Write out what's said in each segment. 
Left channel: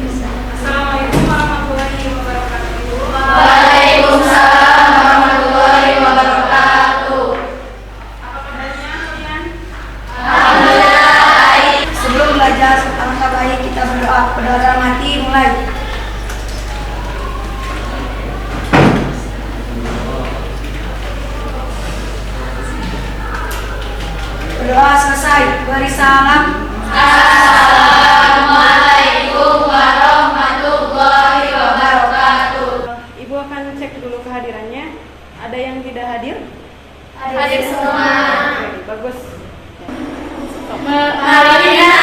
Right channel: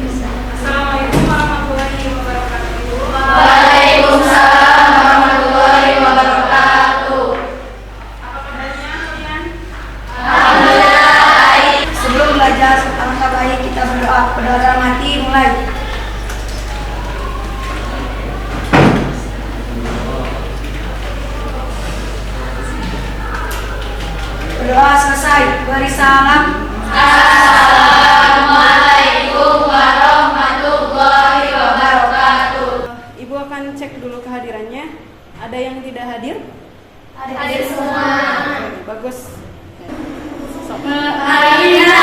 Assalamualaikum warahmatullahi wabarakatuh. Waalaikumsalam warahmatullahi wabarakatuh. Apa kabarnya kalian? Alhamdulillah baik. Sebelum belajar alangkah baik kita berdoa. Berdoa dalam hati mulai. Berdoa selesai. Beri salam. Assalamualaikum warahmatullahi wabarakatuh. Ibu akan cek dulu kehadirannya. Ada yang tidak hadir? Hadir semua. Oke, bagus. Marina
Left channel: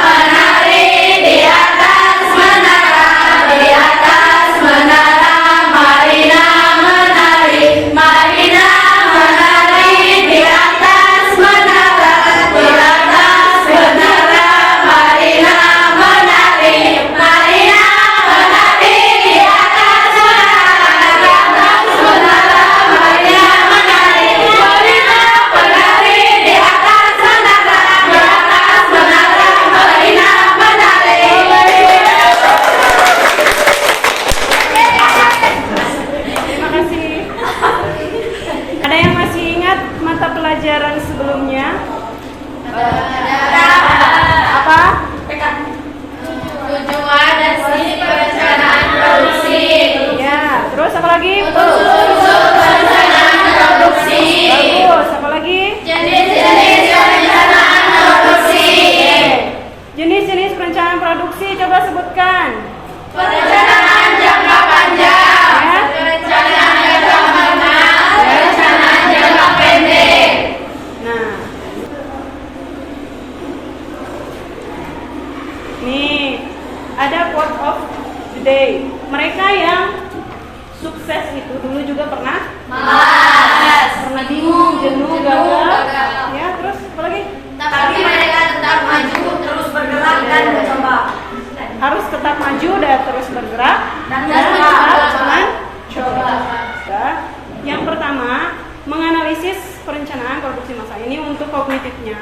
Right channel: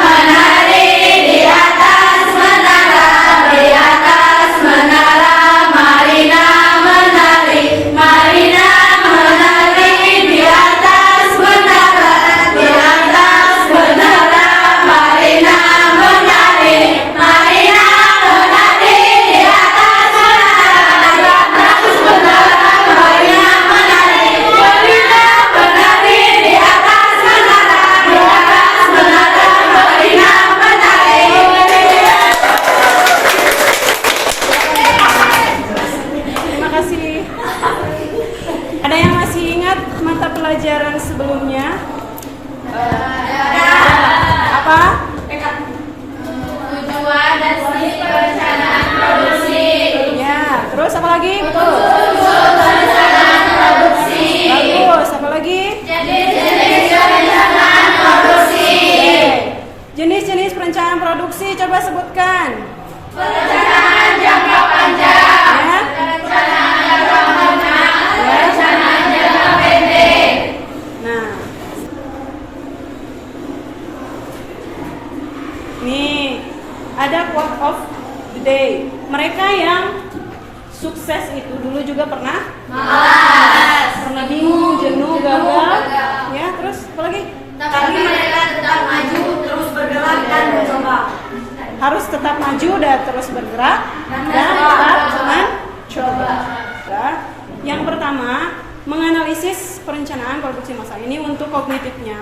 menari di atas menara, di atas menara. Marina menari, Marina menari di atas menara, di atas menara. Marina menari, Marina menari di atas menara, di atas menara. Marina menari, Marina menari di atas menara, di atas menara. Marina menari. Terima kasih. Ada yang masih ingat mata pelajaran sebelumnya? Apa? Tujuan dan sisi perencanaan produksi. Ya, terus apa lagi? Perencanaan produksi. Bagus, apa lagi? Jenis-jenis perencanaan produksi. Jenis-jenis perencanaan produksi, coba sebutkan. Perencanaan jangka panjang. Ya. Perencanaan jangka menengah. Perencanaan jangka pendek. Nah, nih ada quote of the day. Mereka yang sukses itu dulu juga pernah bingung, jenuh, gagal. Ya, terus apa lagi? Tapi mereka tetap maju, terus bergerak dan mencoba. Harus tetap maju dan terus bergerak Dan jangan coba. Ya. Yang pertama, menganalisis perencanaan produksi massal. Ini untuk kognitifnya.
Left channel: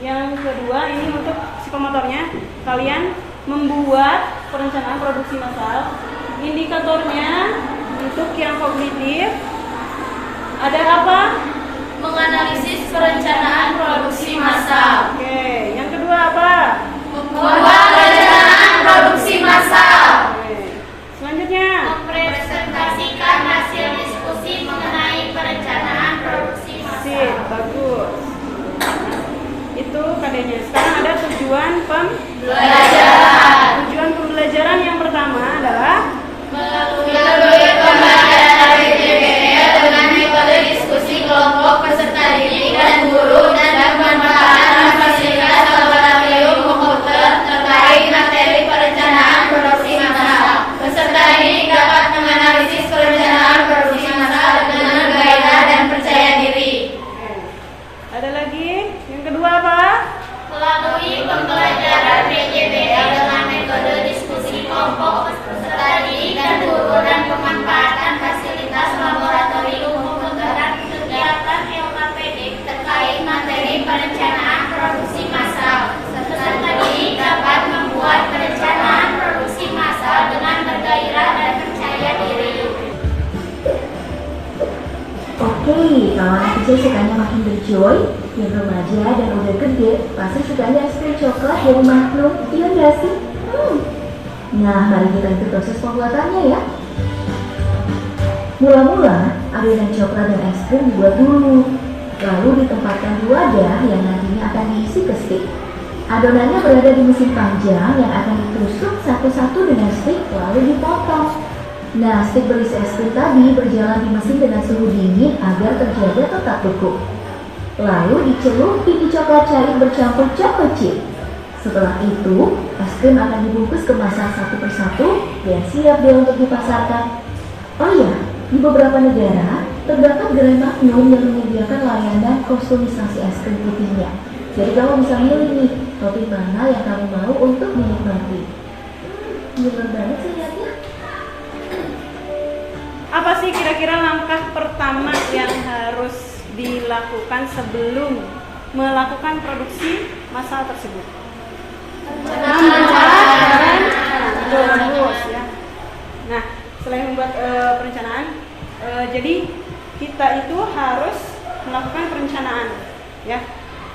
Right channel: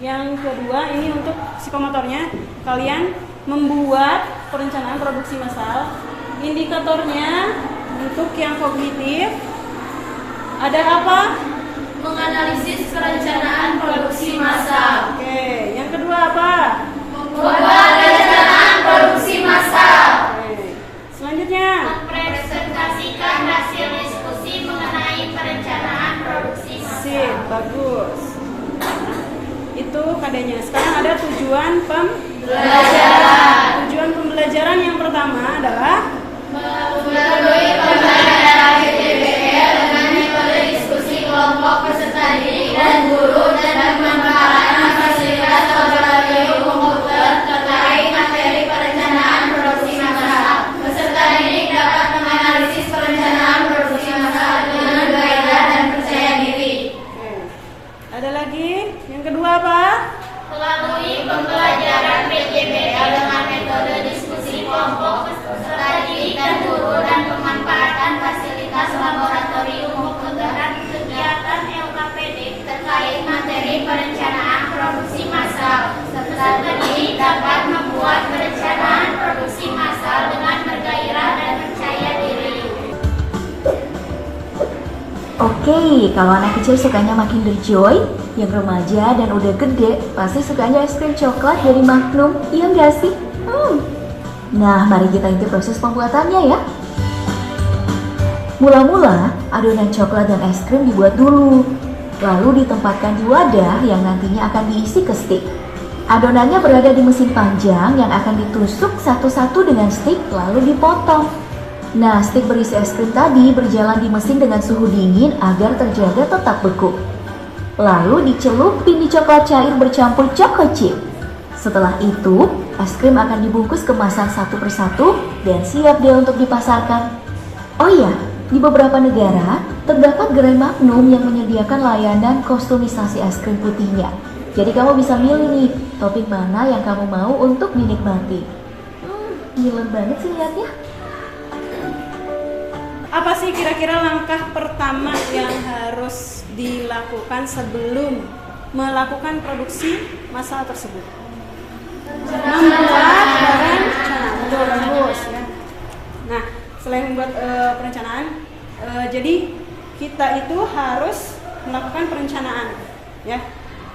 Yang kedua, ini untuk psikomotornya. Kalian membuat perencanaan produksi massal. Indikatornya untuk yang kognitif ada apa? Menganalisis perencanaan produksi massal. Oke, yang kedua apa? Membuat perencanaan produksi massal. Oke. Selanjutnya, Mempresentasikan hasil diskusi mengenai perencanaan produksi massal. sip, bagus. Itu kadanya. Sekarang ada tujuan Pembelajaran. Tujuan pembelajaran yang pertama adalah Melalui pembelajaran DPR dengan metode diskusi kelompok peserta didik dan guru dan pemanfaatan fasilitas laboratorium komputer terkait materi perencanaan produksi massal. Peserta didik dapat menganalisis perencanaan produksi massal dengan bergairah dan percaya diri. Oke. Ada lagi? Yang kedua apa? Melalui pembelajaran PJBL dengan metode diskusi kelompok peserta didik dan guru dan pemanfaatan fasilitas laboratorium komputer dan kegiatan LKPD terkait materi perencanaan produksi massal. Peserta didik dapat membuat perencanaan produksi massal dengan bergairah dan percaya diri. Oke, kalau anak kecil sukanya makin berjoy, yang remaja dan udah gede pasti sukanya es krim coklat dari Magnum, iya nggak sih? Nah, mari kita ikuti proses pembuatannya ya. Mula-mula, adonan coklat dan es krim dibuat dulu, lalu ditempatkan di wadah yang nantinya akan diisi ke stik. Adonannya berada di mesin panjang yang akan ditusuk satu-satu dengan stik lalu dipotong. Nah, stik berisi es krim tadi berjalan di mesin dengan suhu dingin agar terjaga tetap beku. Lalu dicelupin di coklat cair bercampur choco chip. Setelah itu, es krim akan dibungkus kemasan satu persatu dan siap deh untuk dipasarkan. Oh iya, di beberapa negara terdapat gerai Magnum yang menyediakan layanan kustomisasi es krim putihnya. Jadi kamu bisa milih nih, topping mana yang kamu mau untuk dinikmati. Ngiler banget sih lihatnya. Apa sih kira-kira langkah pertama yang harus dilakukan sebelum melakukan produksi massal tersebut? Membuat perencanaan. selain membuat perencanaan, jadi kita itu harus melakukan perencanaan, ya.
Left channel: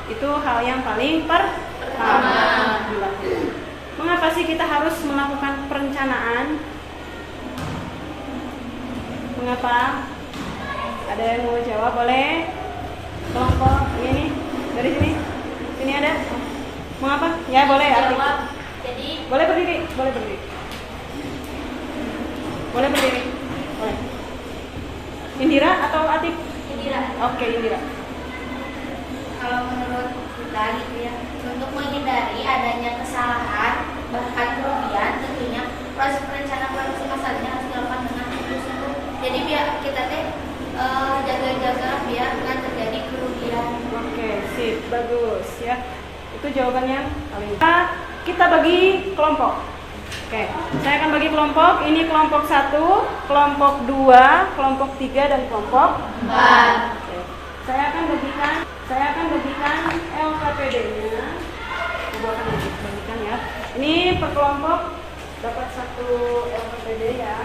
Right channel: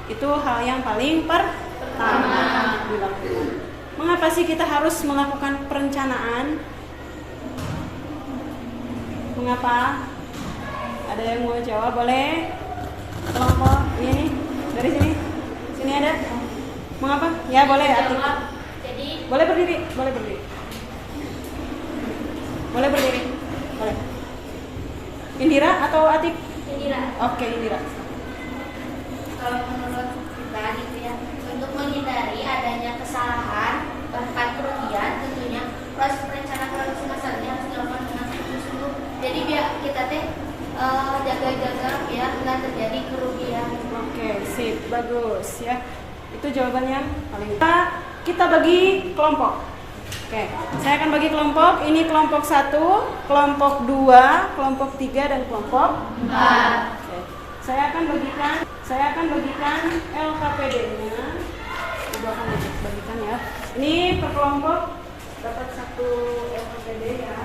Itu hal yang paling pertama dilakukan. Mengapa sih kita harus melakukan perencanaan? Mengapa? Ada yang mau jawab? Boleh? Kelompok ini dari sini. Sini ada. Mengapa? Ya boleh. Jawab. Jadi Boleh berdiri. Boleh berdiri. Boleh berdiri. Boleh. Indira atau Atik? Indira. Oke, Indira. Kalau menurut dari ya, untuk menghindari adanya kesalahan bahkan kerugian, tentunya proses perencanaan produksi masalahnya harus dilakukan dengan sungguh-sungguh. Jadi biar kita jaga-jaga biar nggak terjadi kerugian. Oke, sip, bagus ya. Itu jawabannya paling. Kita bagi kelompok. Oke, saya akan bagi kelompok. Ini kelompok 1, kelompok 2, kelompok 3 dan kelompok 4. Oke. Saya akan bagikan LKPD-nya. Coba akan bagikan ya. Ini per kelompok dapat 1 LKPD ya.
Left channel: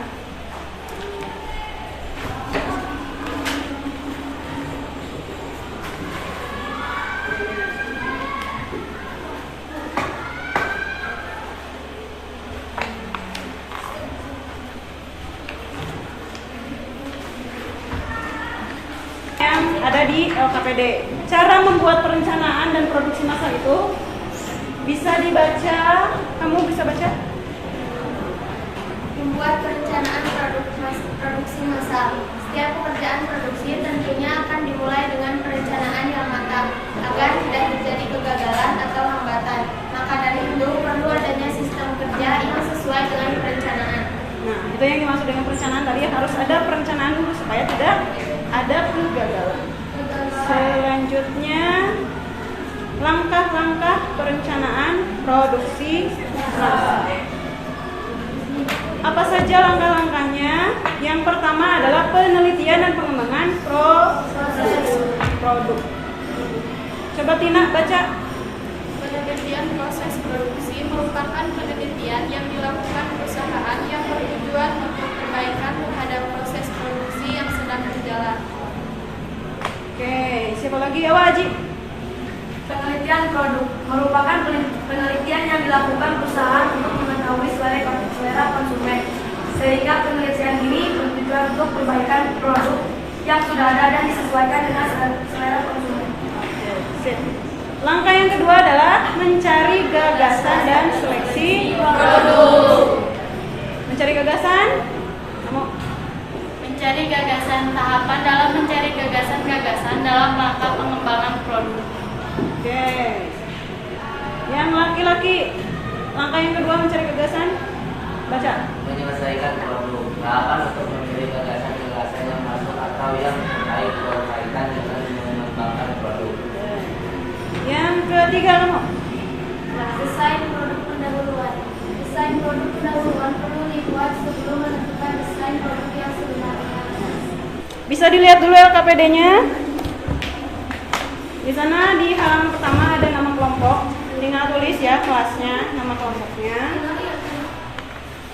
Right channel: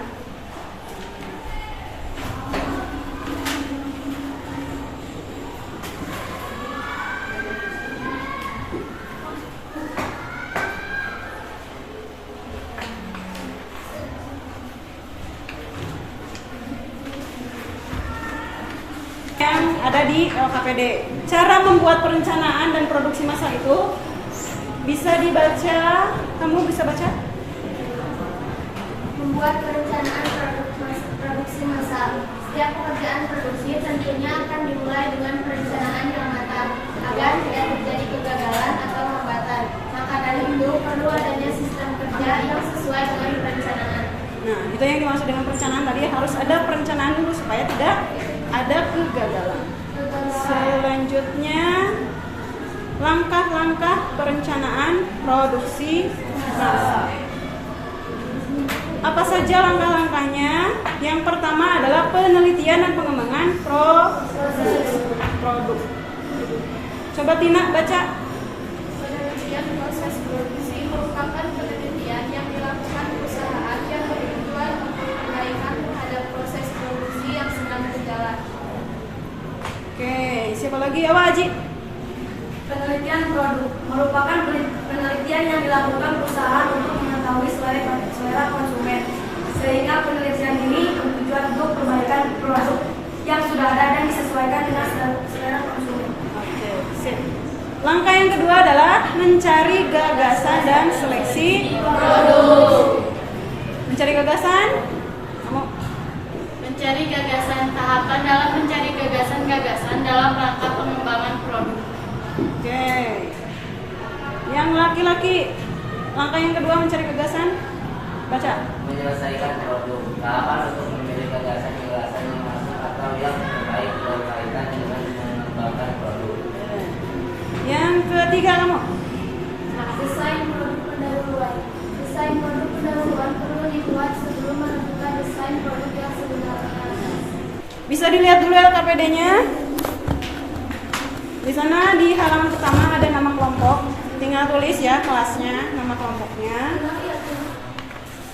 Yang ada di LKPD. Cara membuat perencanaan dan produksi massal itu bisa dibaca. Kamu bisa baca? Membuat perencanaan produksi massal. Setiap pekerjaan produksi tentunya akan dimulai dengan perencanaan yang matang agar tidak terjadi kegagalan atau hambatan. Maka dari itu perlu adanya sistem kerja yang sesuai dengan perencanaan. Nah, itu yang dimaksud dengan perencanaan tadi, harus ada perencanaan dulu supaya tidak ada kegagalan. Selanjutnya, langkah-langkah perencanaan produksi massal. Apa saja langkah-langkahnya? Yang pertama adalah penelitian dan pengembangan proses produk. Coba Tina baca. Penelitian proses produksi merupakan penelitian yang dilakukan perusahaan yang bertujuan untuk perbaikan terhadap proses produksi yang sedang berjalan. Oke, siapa lagi? Awak Haji. Penelitian produk merupakan penelitian yang dilakukan perusahaan untuk mengetahui selera konsumen. Sehingga penelitian ini bertujuan untuk perbaikan produk yang sudah ada dan disesuaikan dengan selera konsumen. Oke, sip. Langkah yang kedua adalah mencari gagasan dan seleksi produk. Mencari gagasan? Kamu? Mencari gagasan, tahapan dalam mencari gagasan-gagasan dalam rangka pengembangan produk. Oke. Yang laki-laki, langkah yang kedua mencari gagasan. Baca. Menyelesaikan produk. Tahapan untuk mencari gagasan-gagasan yang masuk atau yang terbaik berkaitan dengan mengembangkan produk. Yang ketiga kamu. Desain produk pendahuluan. Desain produk pendahuluan perlu dibuat sebelum menentukan desain produk yang sebenarnya. Bisa dilihat dulu LKPD-nya. Di sana di halaman pertama ada nama kelompok. Tinggal tulis ya kelasnya, nama kelompoknya.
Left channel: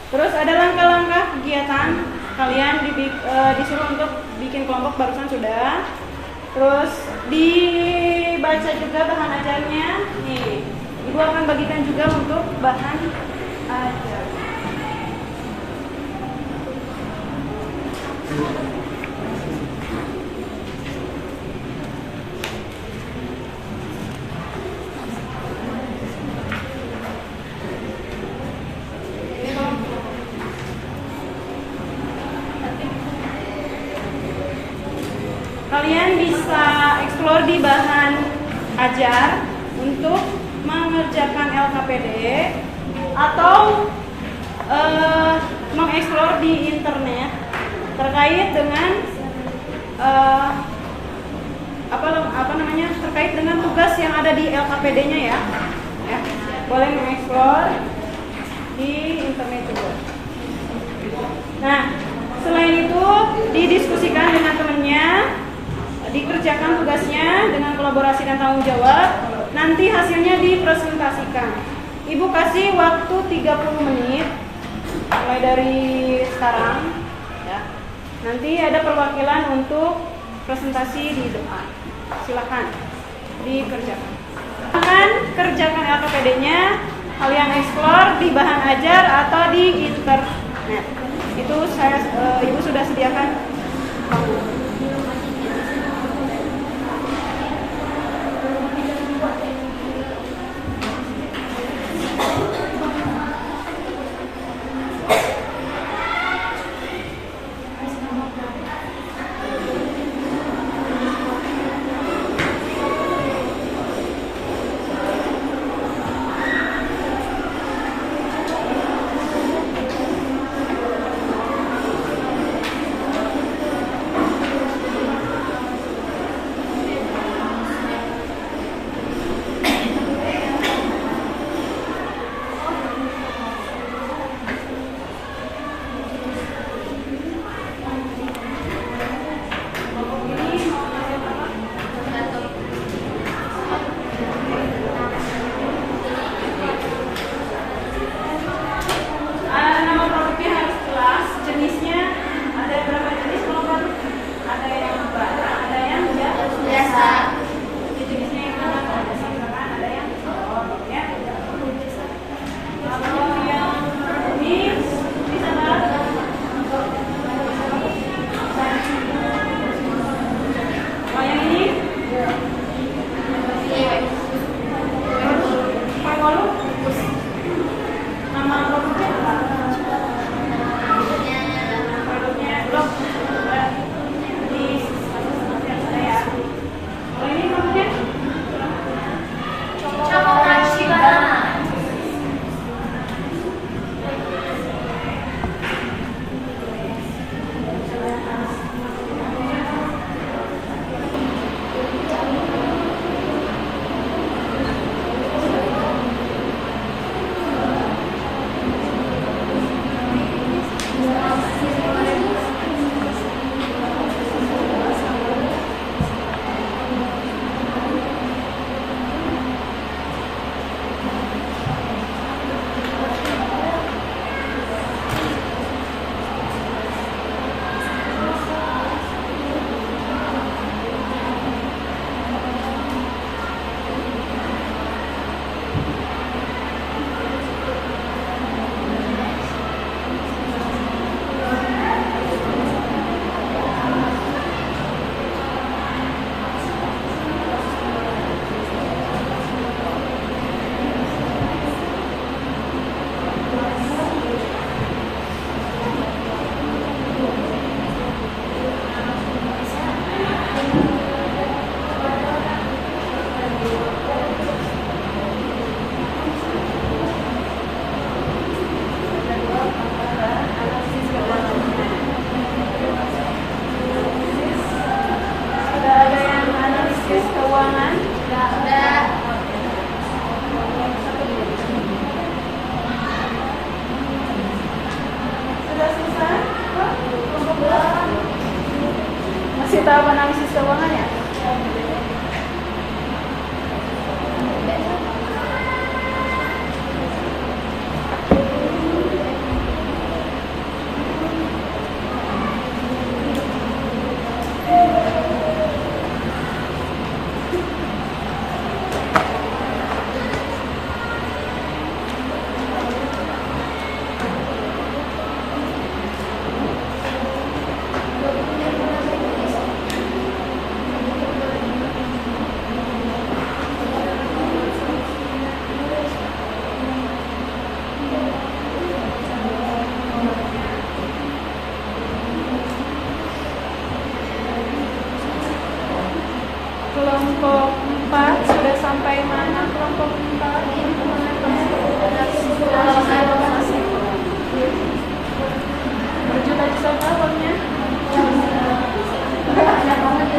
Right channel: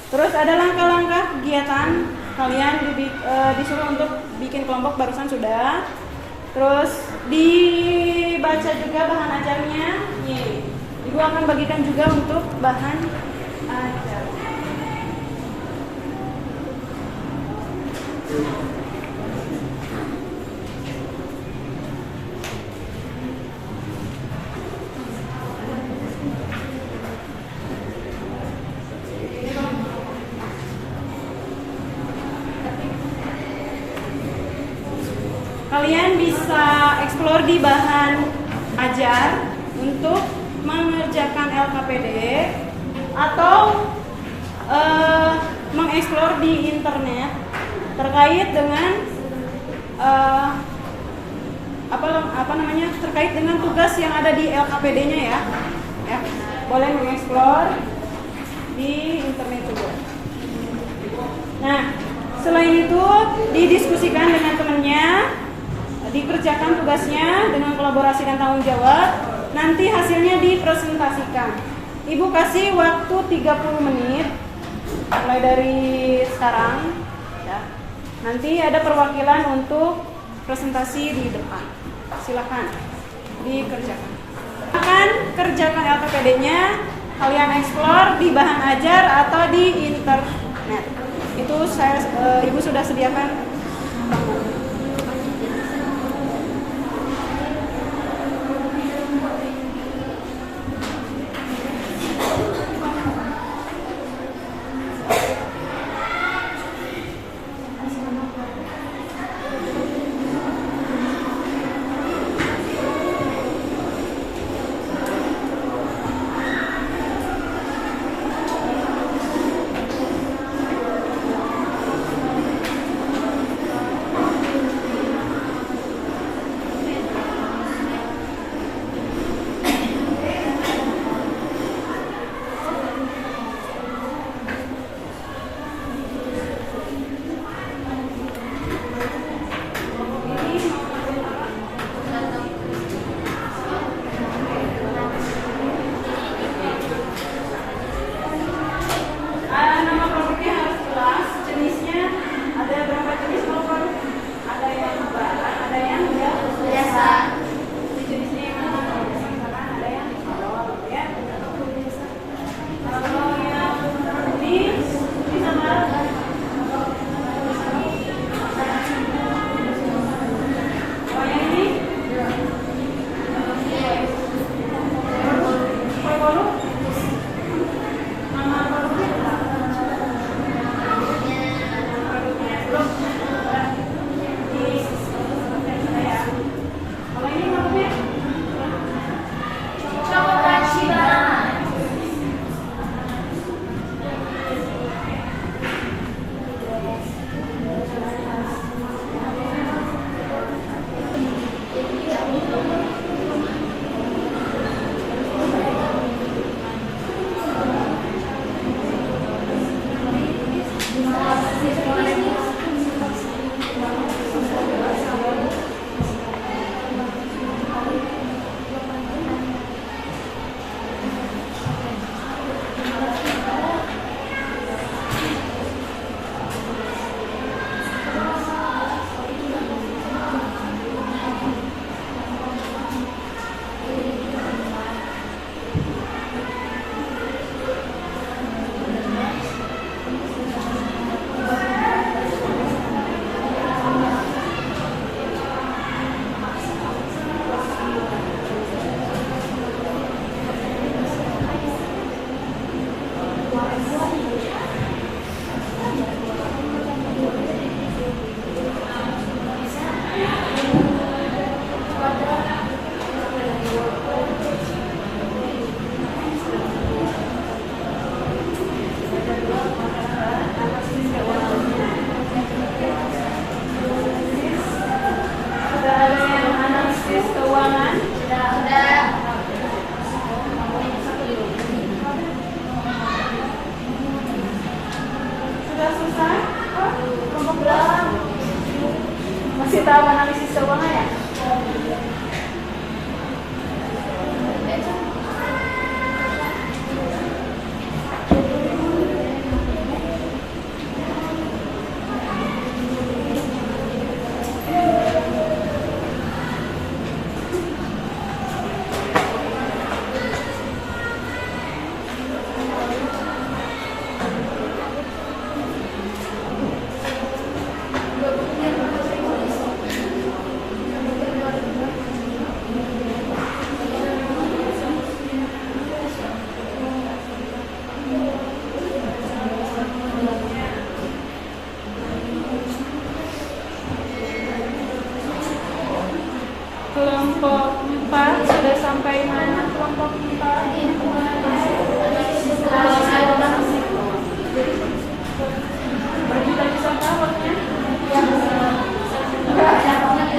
Terus ada langkah-langkah kegiatan. Kalian disuruh untuk bikin kelompok, barusan sudah. Terus dibaca juga bahan ajarnya. Nih, Ibu akan bagikan juga untuk bahan ajar. Kalian bisa eksplor di bahan ajar untuk mengerjakan LKPD atau mengeksplor di internet terkait dengan terkait dengan tugas yang ada di LKPD-nya ya. Boleh mengeksplor di internet juga. Nah, selain itu didiskusikan dengan temannya, dikerjakan tugasnya dengan kolaborasi dan tanggung jawab. Nanti hasilnya dipresentasikan. Ibu kasih waktu 30 menit mulai dari sekarang Nanti ada perwakilan untuk presentasi di depan. Silakan dikerjakan. Silakan kerjakan LKPD-nya. Kalian explore di bahan ajar atau di internet. Itu Ibu sudah sediakan bangun. Masih tahap analisis keuangan ya? Kelompok 4 sudah sampai mana kelompok 4? Bisa berapanya? Banyak banget.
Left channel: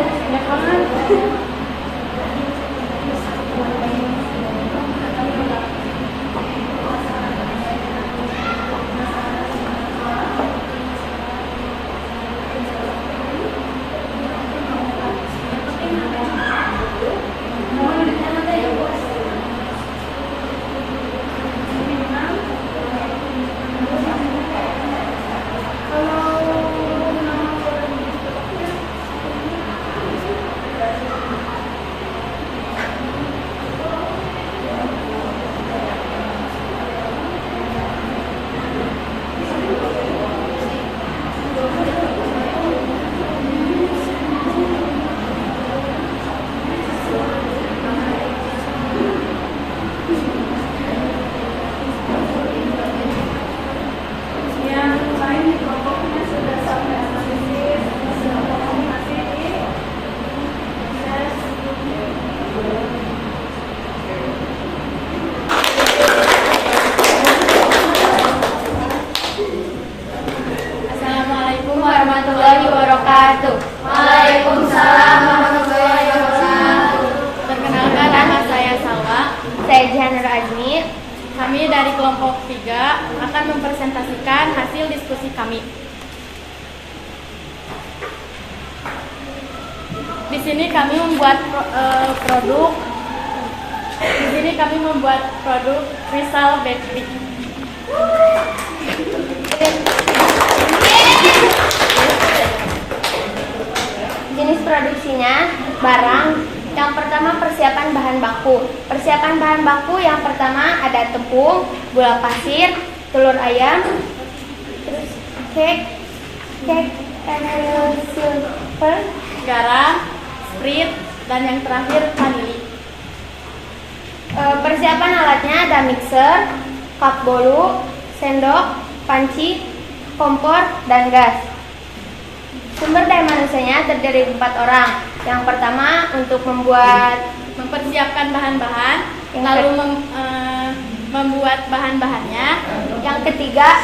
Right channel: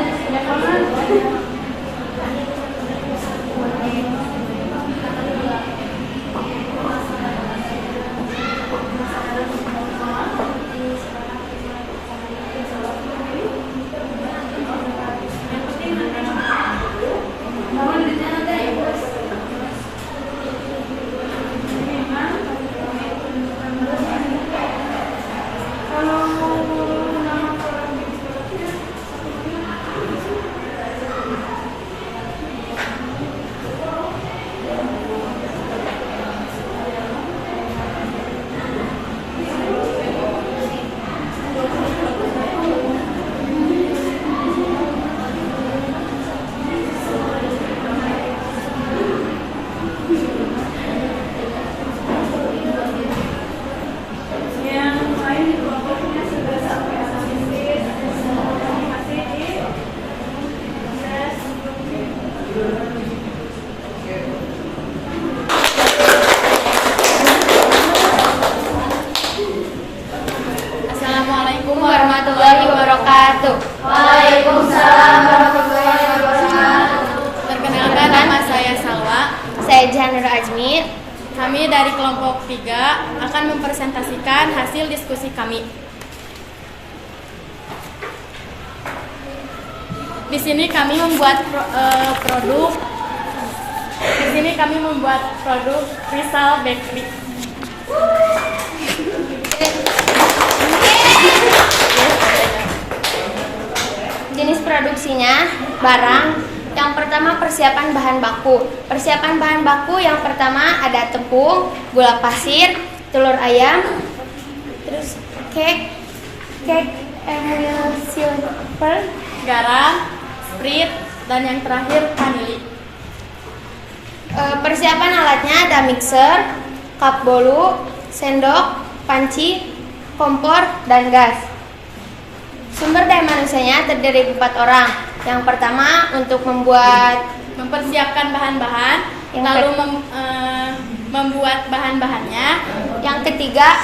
hasil diskusi kami. Di sini kami membuat produk. Di sini kami membuat produk Rizal Bakery. Jenis produksinya barang. Yang pertama persiapan bahan baku. Persiapan bahan baku yang pertama ada tepung, gula pasir, telur ayam, terus cake silver, Garam, Sprite, dan yang terakhir vanili. Persiapan alatnya ada mixer, cup bolu, sendok, panci, kompor, dan gas. Sumber daya manusianya terdiri 4 orang. Yang pertama untuk Mempersiapkan bahan-bahan, lalu membuat bahan-bahannya. yang ketiga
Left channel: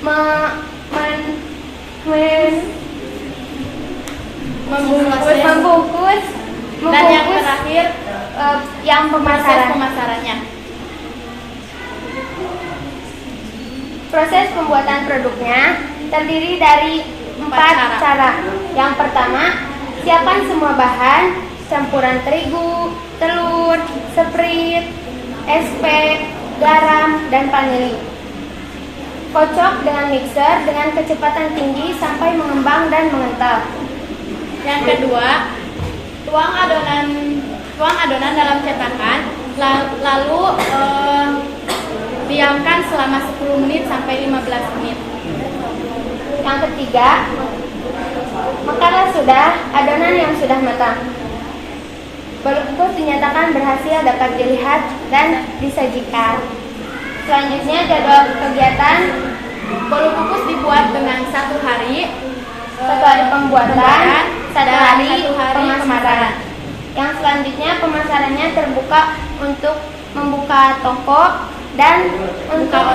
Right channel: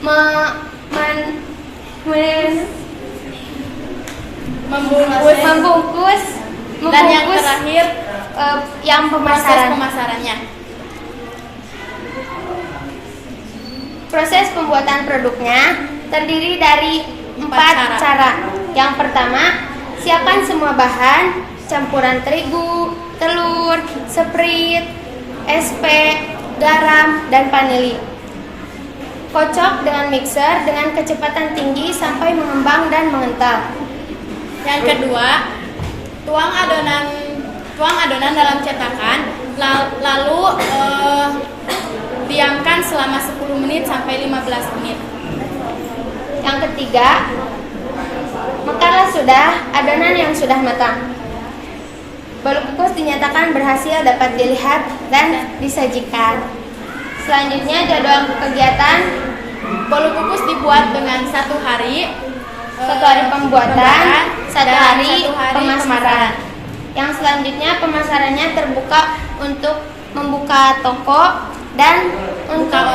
membungkus, dan yang terakhir yang proses pemasarannya. Proses pembuatan produknya terdiri dari 4 cara. Yang pertama, siapkan semua bahan, campuran terigu, telur, Sprite, SP, garam, dan vanili. Kocok dengan mixer dengan kecepatan tinggi sampai mengembang dan mengental. Yang kedua, tuang adonan dalam cetakan, lalu diamkan selama 10 menit sampai 15 menit. Yang ketiga, makalah sudah adonan yang sudah matang. Bolu kukus dinyatakan berhasil dapat dilihat dan disajikan. Selanjutnya jadwal kegiatan. Bolu kukus dibuat dengan 1 hari, 1 hari pembuatan, 1 hari pemasaran. pemasaran. Yang selanjutnya pemasarannya terbuka untuk membuka toko dan untuk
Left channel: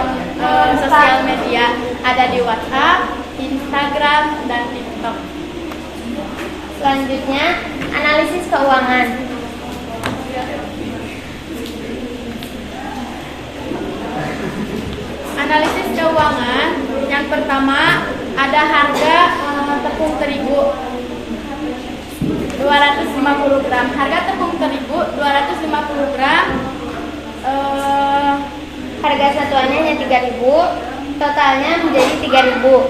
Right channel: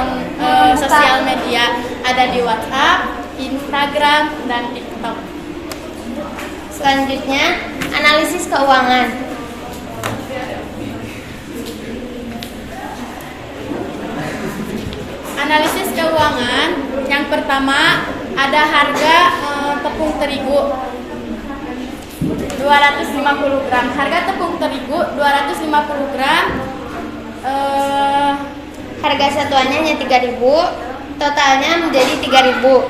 Sosial media ada di WhatsApp, Instagram, dan TikTok. Selanjutnya analisis keuangan. Analisis keuangan, yang pertama ada harga tepung terigu 250 gram. Harga tepung terigu 250 gram. Harga satuannya hanya 3.000, totalnya menjadi 3.000.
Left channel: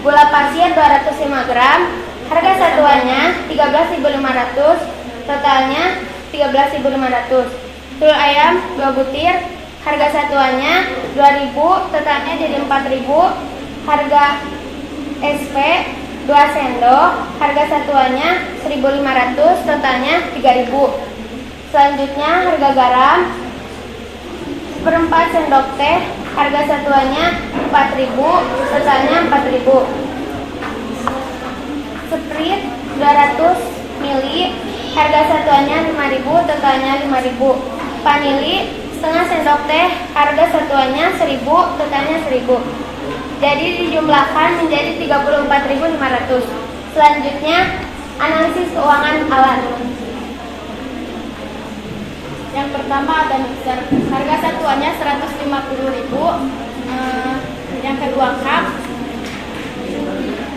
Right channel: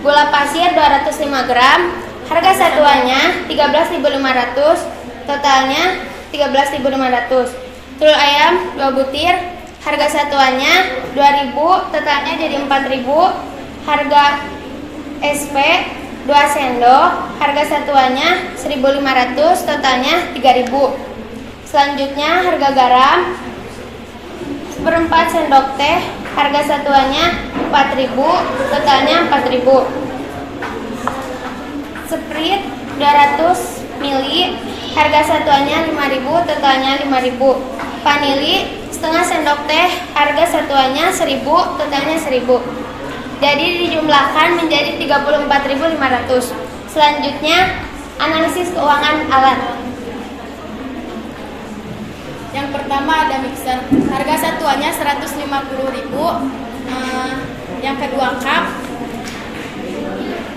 Gula pasir 205 gram, harga satuannya 13.500, totalnya 13.500. Telur ayam 2 butir, harga satuannya 2.000, totalnya jadi 4.000. Harga SP 2 sendok, harga satuannya 1.500, totalnya 3.000. Selanjutnya harga garam 1/4 sendok teh, harga satuannya 4.000, totalnya 4.000. Sprite 200 ml, harga satuannya 5.000, totalnya 5.000. Vanili setengah sendok teh, harga satuannya 1.000, totalnya 1.000. Jadi dijumlahkan menjadi 34.500. Selanjutnya analisis keuangan alat. Yang pertama ada mixer, harga satuannya 150.000. Yang kedua cup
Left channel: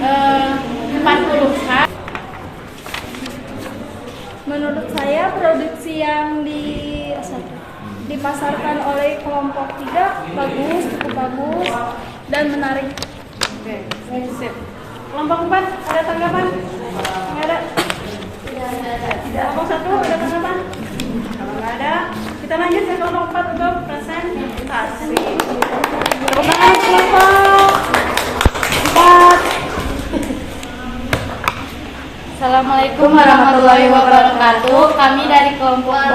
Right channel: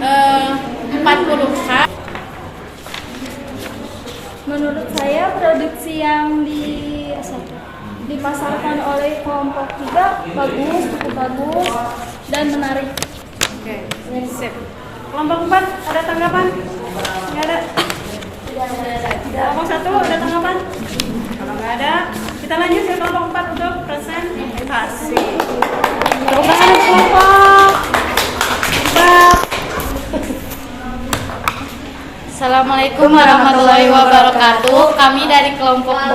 40 cup. Menurut saya produksi yang dipasarkan oleh kelompok 3 bagus, cukup bagus dan menarik. Oke, sip. Kelompok 4 ada tanggapan? Nggak ada. Kelompok 1 ada tanggapan? Kalau nggak ada, kita lanjut ke kelompok 4 untuk presentasi. Tepuk tangan untuk kelompok 4. Assalamualaikum warahmatullahi wabarakatuh. Kami dari kelompok 4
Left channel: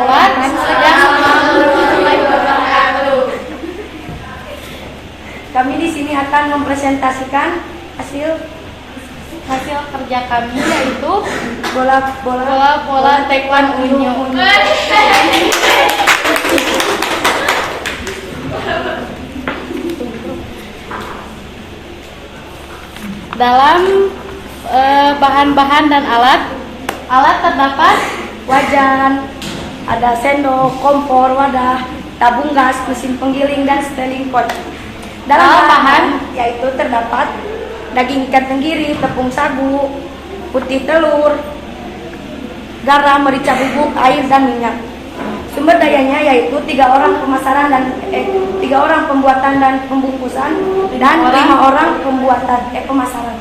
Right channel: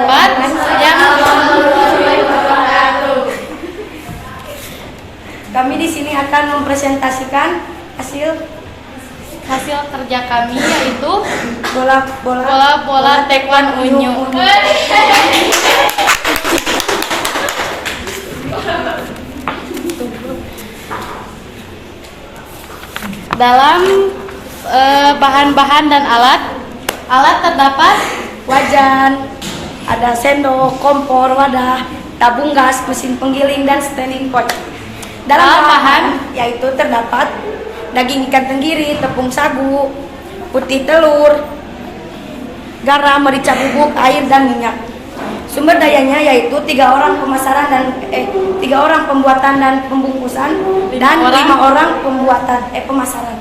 Kami di sini akan mempresentasikan hasil kerja kami, yaitu bola taekwondo unyu. Dalam bahan-bahan dan alat terdapat wajan, ada sendok, kompor, wadah, tabung gas, mesin penggiling, dan standing pot. Dalam bahan yaitu terdapat terdapat daging ikan tenggiri, tepung sagu, putih telur, garam, merica bubuk, air, dan minyak. Sumber dayanya yaitu 3 orang pembuatan dan pembungkusan dan 5 orang pemasaran.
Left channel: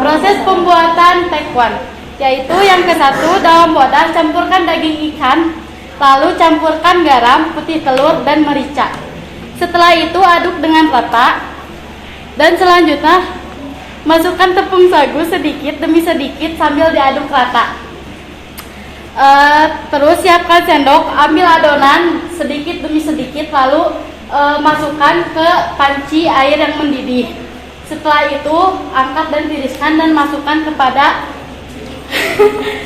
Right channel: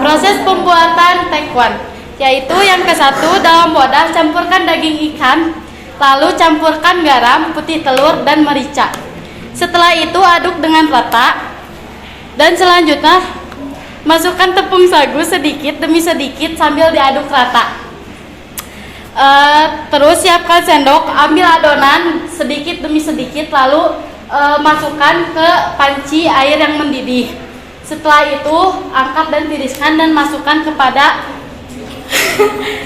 Proses pembuatan tekwan, yaitu yang ke-1, dalam wadah campurkan daging ikan, lalu campurkan garam, putih telur, dan merica. Setelah itu aduk dengan rata, dan selanjutnya masukkan tepung sagu sedikit demi sedikit sambil diaduk rata. Terus siapkan sendok, ambil adonan sedikit demi sedikit, lalu masukkan ke panci air yang mendidih. Setelah itu angkat dan tiriskan dan masukkan kepada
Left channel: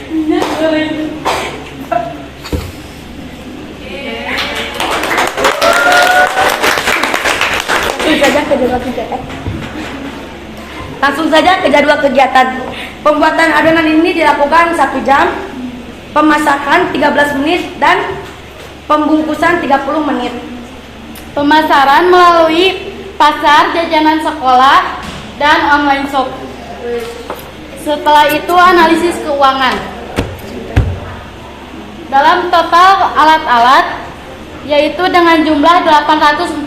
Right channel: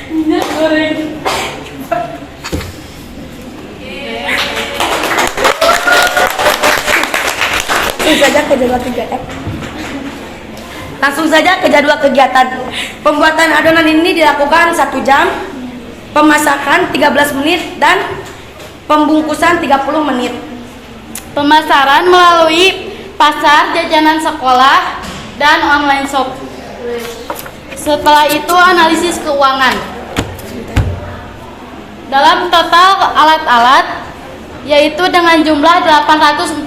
minyak goreng. Langsung saja ke jadwal kegiatan. Pembuatan adonan ini dilakukan 1 jam, pemasakan 13 menit, dan pembungkusan 30 menit. Pemasaran melalui pasar, jajanan sekolah, dan online shop. Setelah itu analisis keuangan. Dalam total alat-alat yaitu dengan jumlah 840.000.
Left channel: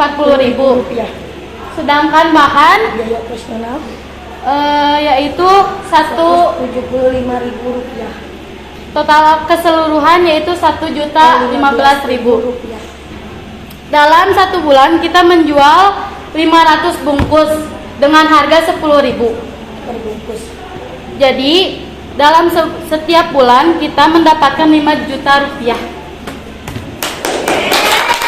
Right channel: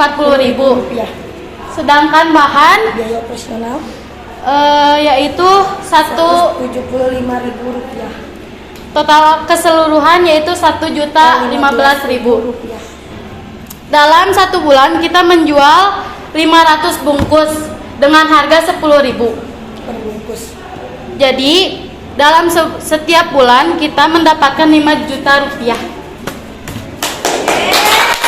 Sedangkan bahan Biaya operasional yaitu 175.000 rupiah. total keseluruhan yaitu 1.015.000. Dalam 1 bulan kita menjual 500 bungkus dengan harga 10.000 per bungkus. Jadi dalam setiap bulan kita mendapatkan 5 juta rupiah.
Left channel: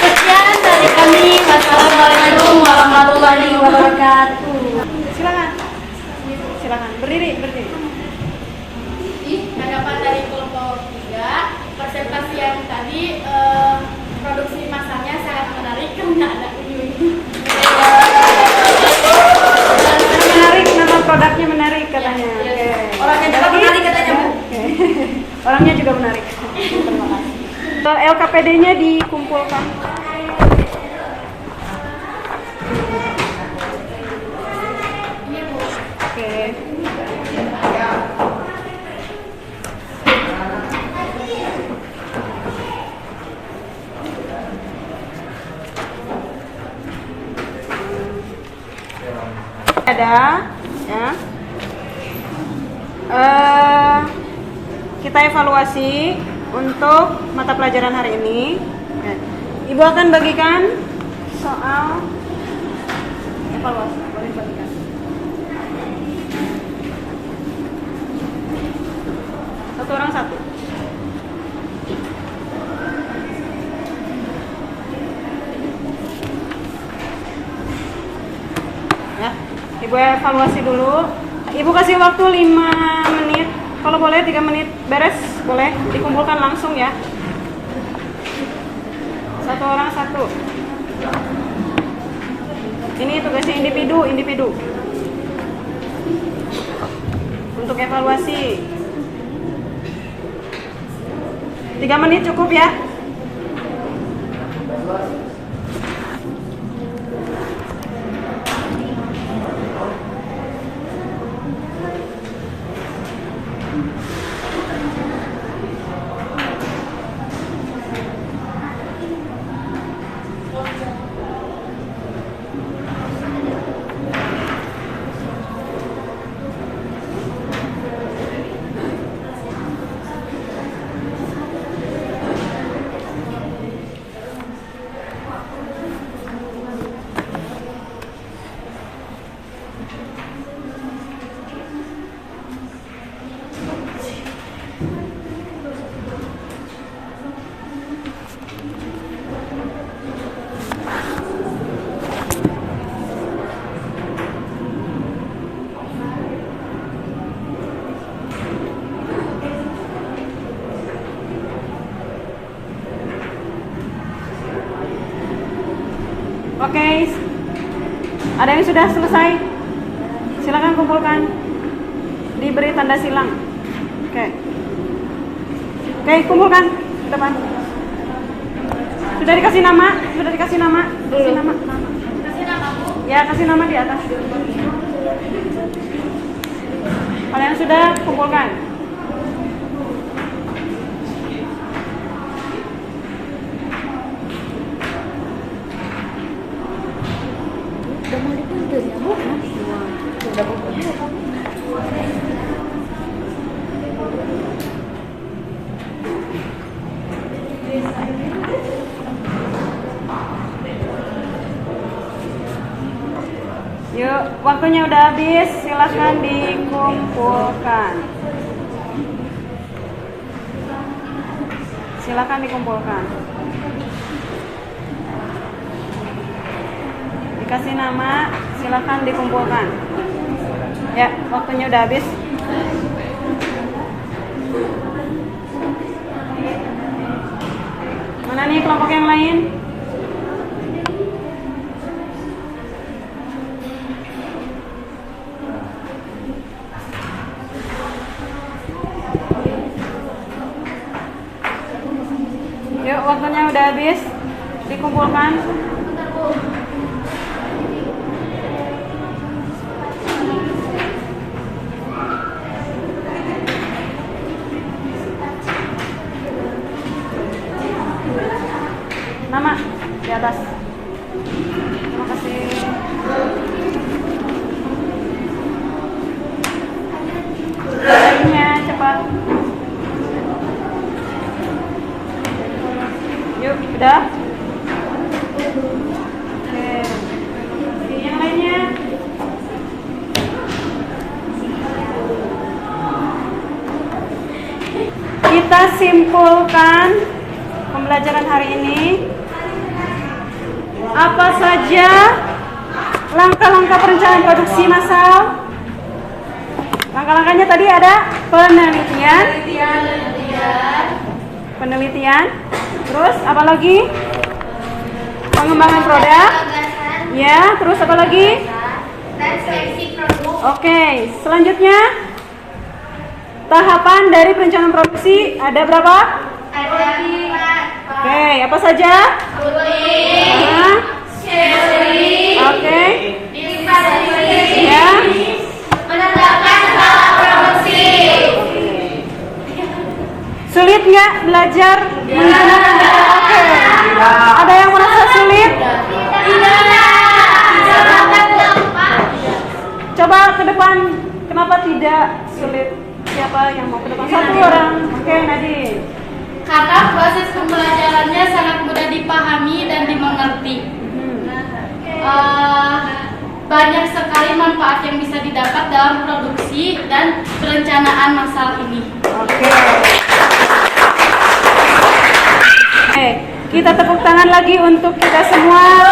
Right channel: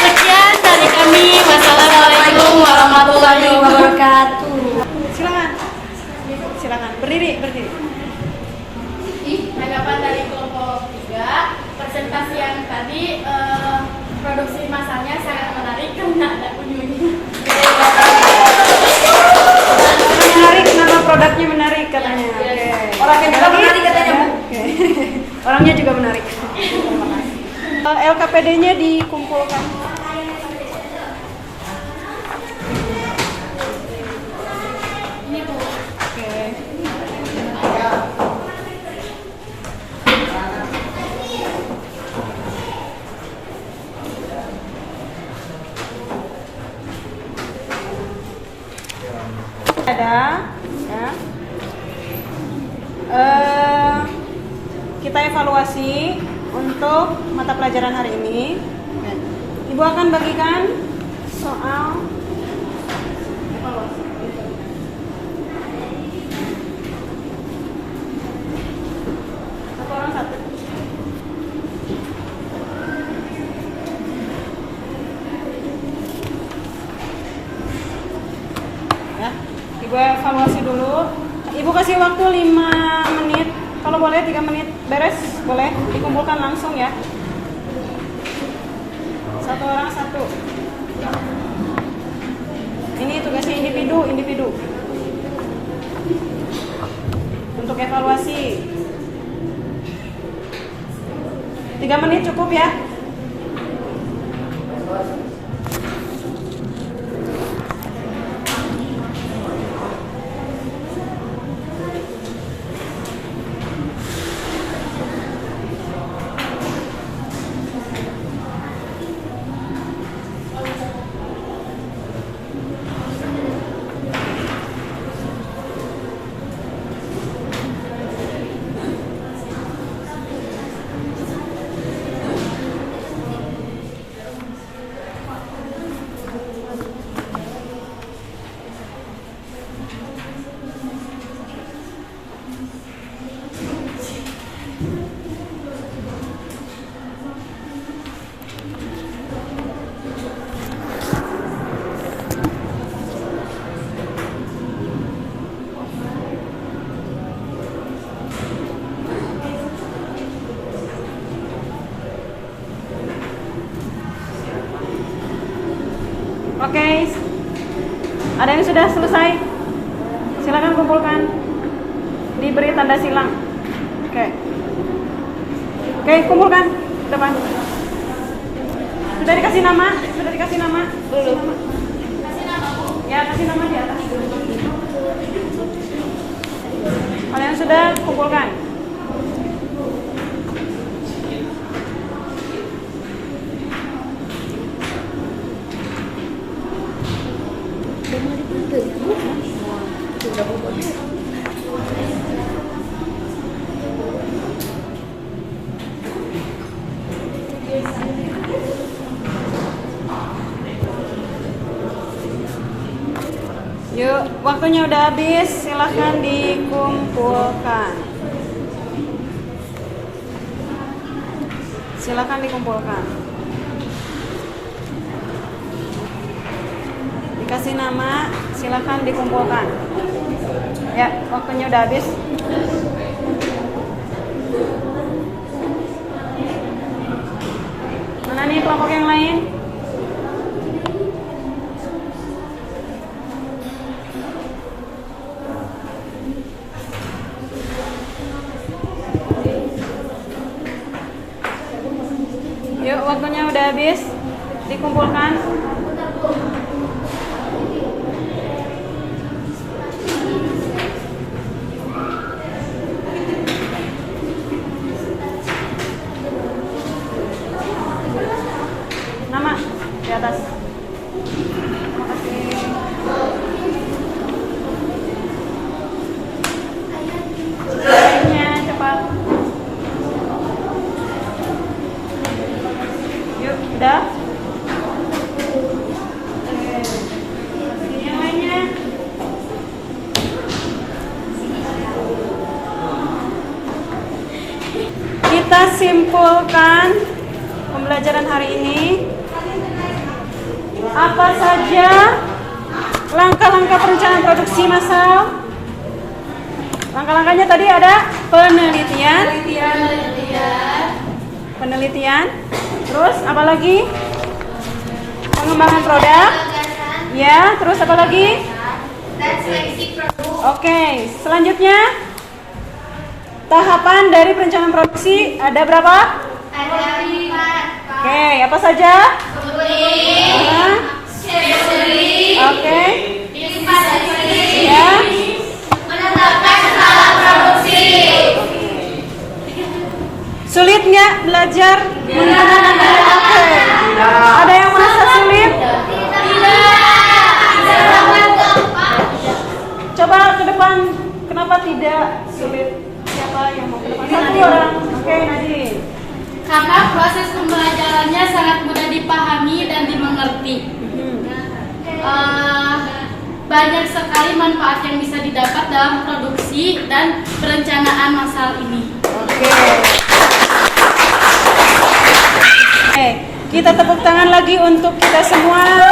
Sekian dari kami. Wassalamualaikum warahmatullahi wabarakatuh. Silakan berdiri. Tanggapan dari kelompok 3, presentasi yang tadi produksi masarnya sangat menarik karena ada unyu. Menarik, nama produknya menarik katanya. Orangnya juga menarik katanya, Bu. Orangnya juga menarik. Terima kasih. LKPD-nya dikumpulkan. Oke. Ada, ya. Kita evaluasi untuk mata pelajaran hari ini. Oke. Ibu akan bagikan soal evaluasi. Satu orang satu. Ya, Ibu evaluasi dulu. Ibu kasih waktu 5 menit. Kalau boleh 3 menit beres, boleh dikumpulkan langsung ya. Satu orang satu. Ini tugasnya individu. Untuk evaluasi 3 menit cukup ya. Oke, ada yang sudah selesai? Silakan kumpulkan. Diberi tanda silang. Oke, kumpulkan ke depan. Sudah dikasih nama? Kasih nama. Kasih nama, Bu. Ya, kasih nama di atas. sudah kumpulkan. Yuk, waktunya udah habis, silahkan dikumpulkan. Silahkan dikumpulkan. Dikasih nama, silahkan dikumpulkan. Ya, waktunya udah habis. Mana nih kelompok yang lain? Yuk, waktunya udah habis. Dikumpulkan. Nama di atas. Terima kasih. Lainnya cepat. Yuk, udah? Oke, terima kasih. Yang lainnya? Kita simpulkan pembelajaran hari ini. Apa saja langkah-langkah perencanaan produksi massal? Langkah-langkahnya tadi ada penelitian, terus apa lagi? Pengembangan produk, ya. Terus apa lagi? Dan seleksi produk. Oke, selanjutnya tahapan dari perencanaan produksi ada berapa? Ada 4. Oke, apa saja? Aha. Oke, ya. Menetapkan skala produksi. Sulit nggak belajar menggunakan DRAP? Ada yang merasa sulit? Coba ke depan, kenapa tidak sulit? Siapa yang mau ke depan? Satu orang. Oke, Nadine. Karena proses pembelajarannya sangat mudah dipahami dan dimengerti. Banyak sekali manfaat yang bisa didapat dalam produksi dan perencanaan massal ini. Oke, kita tepuk tangan lagi untuk kita semua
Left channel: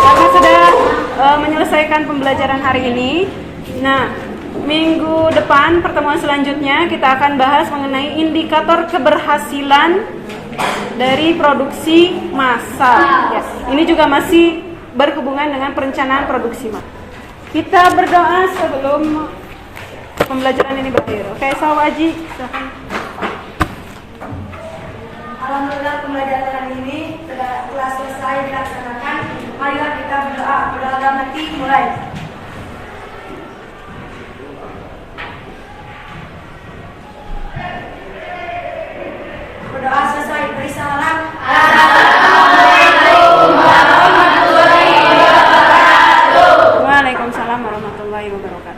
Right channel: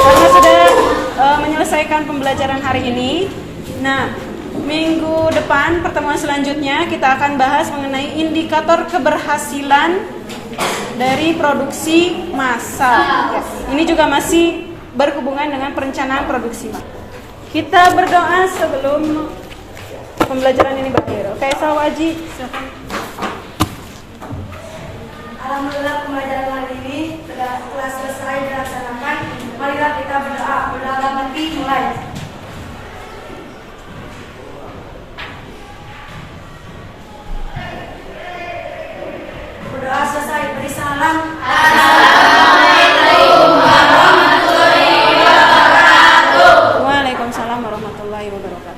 karena sudah menyelesaikan pembelajaran hari ini. Nah, minggu depan pertemuan selanjutnya kita akan bahas mengenai indikator keberhasilan dari produksi massal. Ya, ini juga masih berhubungan dengan perencanaan produksi massal. Kita berdoa sebelum pembelajaran ini berakhir. Oke, Sawaji, silakan. Alhamdulillah pembelajaran hari ini telah selesai dilaksanakan. Marilah kita berdoa. Berdoa mati mulai. Berdoa selesai. Beri salam. Waalaikumsalam warahmatullahi wabarakatuh.